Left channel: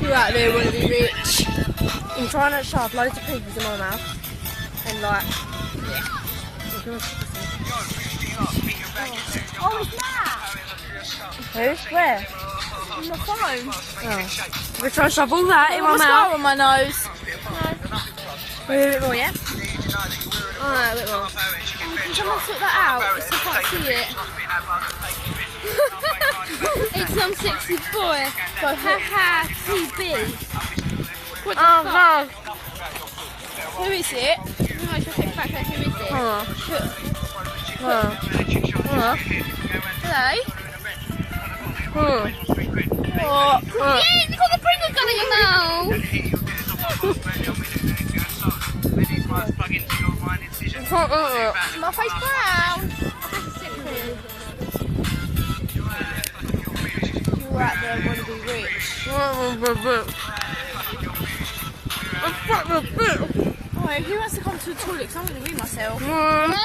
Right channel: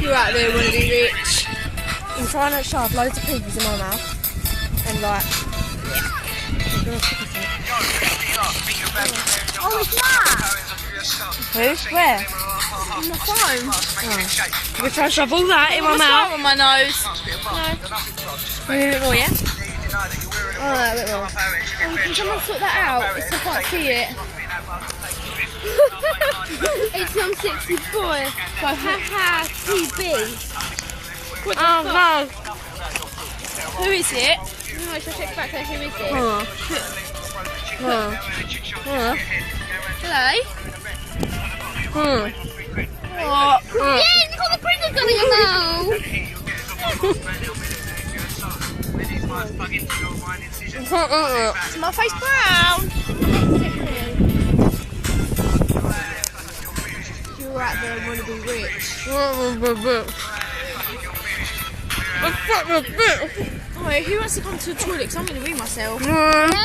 You're out there wanna be rich. I'm trying to shove loads of pinkies in my mouth. And like, yeah. Oh, it's that! Who? Where? On my phone. Oh. We're trying to shove all that in my mouth. On my nose. No. A bit more, yeah? Oh, no, a bit more. Can someone sort that out? I can't see it. It's some sexy boy. Go, ha TB. What the fuck? God. Who is it? No, I should check back there. Who is it? Hello? Oh, yeah, you got the Pringles gun in your mouth. Is my face brown? You're out there, I want to be rich. Wait, who wants to come to the toilet? Because I'm going to wee myself.